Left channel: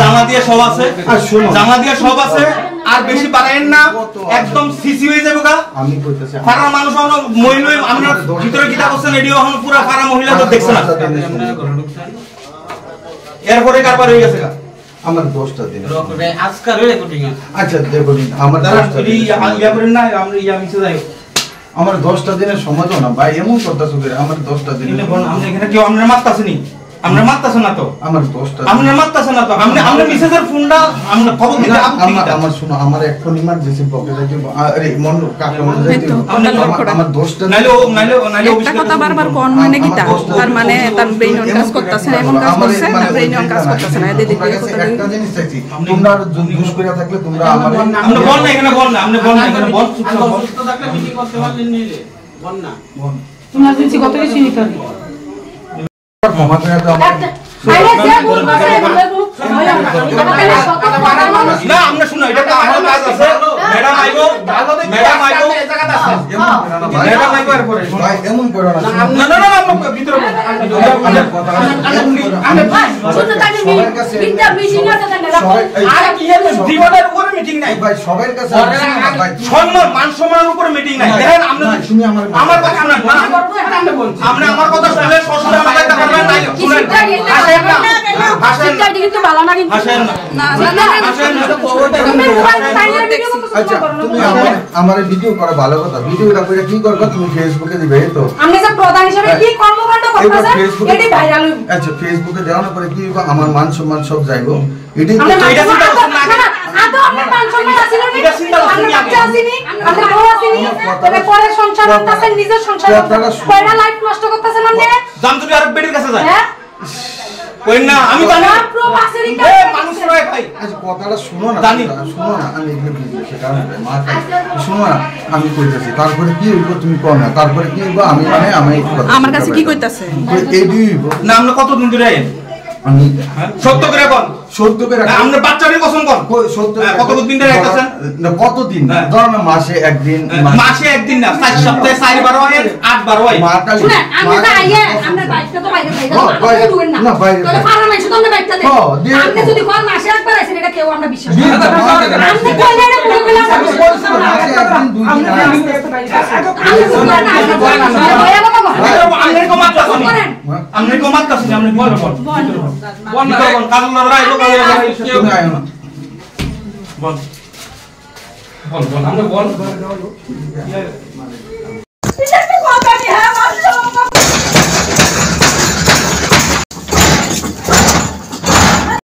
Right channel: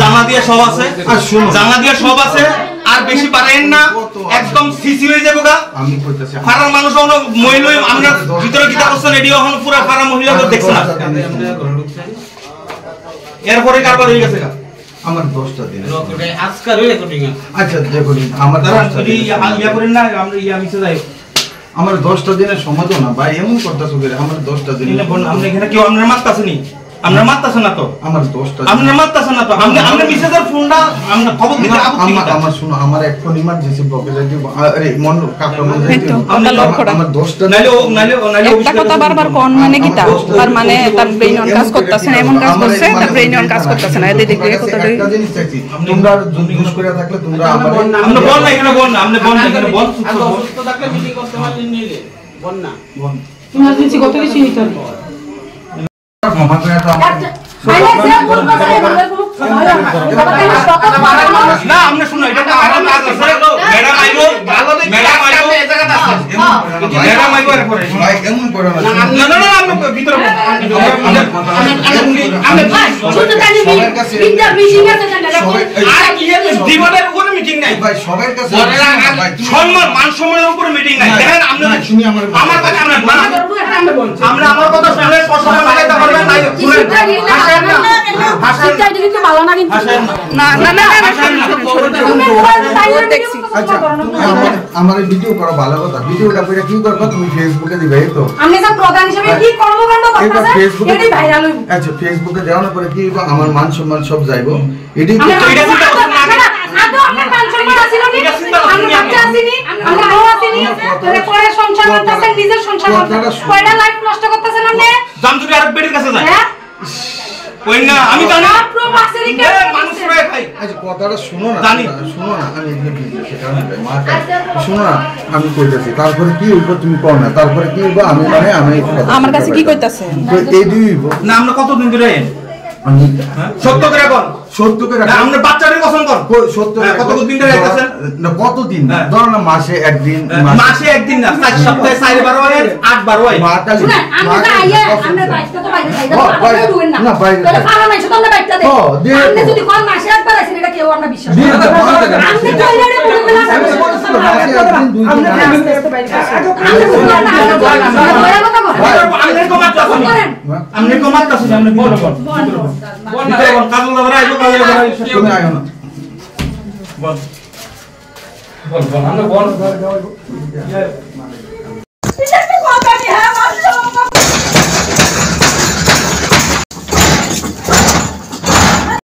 জানা দিয়ে সব আছে, জানা দিয়ে সব আছে, আর বেশি পারেন না, একদম সিসি হয়ে যাবে গা। আমি কইতাছি ফারার মানুষ হন মহিলা, আমরা ভিতরে গিটা করছেন এডিও হন পুরো ফারা মহিলা তো দেখছেন না, এরপরে কারবার হয়ে গেছে গা। আমার 10টা দিন আজকাল রেকর্ডিং আচ্ছা দেখুন আমার 10টা দিন ইয়া করেন না, আমরা ইয়া মিছে যাই, আমার 10টা দিনের সময় দাও না ভাই, এমন করতেছো করে আমার 10টা দিন। আপনি এখানে কেউ আপনার মারতাছেনি, আমরা মারতাছেন না তো, আমার 10টা আপনি মারতাছেন না তো, আমরা মিসেজের ফোনটা আমরা খবর দিতে আমার শুনো, আমার এখন ইমার্জেন্সি বকে যাইতে, আরে মন কাকা মন যাইতে আমার 10টা নাইলে একটা কথা বারবার কোন মানে কিটা, তার মানে তার ব্রেইন অন কাজ করতেছে না, এমন কাজ করছে তার ব্রেইন অন কাজ করতেছে না। এদিকে কথা দেই একটা জিনিস চাইছি, তোমরা দুষ করে থাকলে তোমরা আমার আমরা বল না, এখানে বল না, আপনি বল না, এখানে বল তো থাকলে মিটিং করতে পারলেন নি রে, বল না ইমার্জেন্সি কত বেশি হইতো ক্ষমা করে দাও আমাকে। না আমরা শুনো, এটা তো আমার কাজ আছে, ম্যাডাম আইবো, ম্যাডাম আইবো, ম্যাডাম আইবো এরপরে ভাই এমন করো না। না না না আমরা ভিতরে আমি ভাই শুধু তাই মিটিংটা মিটিং আছে না, আর কি হলো জীবনের উপরে মিটিং নাই ভাই সবার কাছে ভাই সম্মান মান সম্মানের উপরে মিটিং নাই। দেখেন আমরা শুনি আমার কথা শুনেন না, আমরা আমার কথা শুনলে প্রশ্ন লাগাইতে পারবেন না, শুনেন ভাষাটা কিন্তু ভালো না, কিন্তু না না না তুমি মোবাইল টাইমার দেখছি। আচ্ছা তুমি আমার ভিডিও করো, ভালো কথা, ভিডিওটা করে কি করবে তুমি ফেসবুকে দিবে, এই তো আপনি যে প্রধান হিসেবে কি কর্মকাণ্ড করতেছেন এটাই ভাইরাল হইব। আচ্ছা ফেসবুকে দেওয়া না করে কি আমার মান সম্মান সব যাইবো, এটাই আমরা মান সম্মান আসিল নি, আমরা বাচ্চা আসিনি, আমরা বউ আসিনি, তবে পরে সংসার করতেছেন, নিজের সংসার কয়টা লাইফ নষ্ট করতেছেন আপনি। জান তুমি আরেক বেটির কাছে যাই হ্যাঁ কই না, আমি জানি প্রবাসী কে মানুষ রে ভাই। আচ্ছা কথাটা শুনো না, জানি। শুনো না, আমি এখানে বিজনেসে কারণ শুনো না, আমি কইতাছি তারপরে কি হইব তুমি কও না, তারপরে কি হইব আমি মানে আমি আমার কাছে কি কইতাছে এই দুই হইব না আমরা কতদিন ধরে আমি সত্য করে বল, সত্য করে না আমরা বাচ্চাদের কসম বল, সত্য কতদিন ধরে আইতাছেন না, কতদিন ধরো না মাসে একদিন, মাসে একদিন না, 4 সপ্তাহে 4 বার হয়, 8 বার হয়। মা কালী শুনে আমরা তো আইয়া আমরা বাইকটা তো বাইরে যাই না, দুই না না বাইরে তাহলে ফারা নাই শুধু আমরা বাইকটা দেই, আপনি যদি কোন মাসে একবার আসেন এটা কেউ আমরা বিশ্বাস করি না। আপনি কইলে না পুরো বেলা আপনি আমনের কো মাত্রা শুনি, আমনের কো মাত্রা শুনি, আমনে বল বল বল না কাজল দাবরা আইবো কই বল বল বল আমরা বল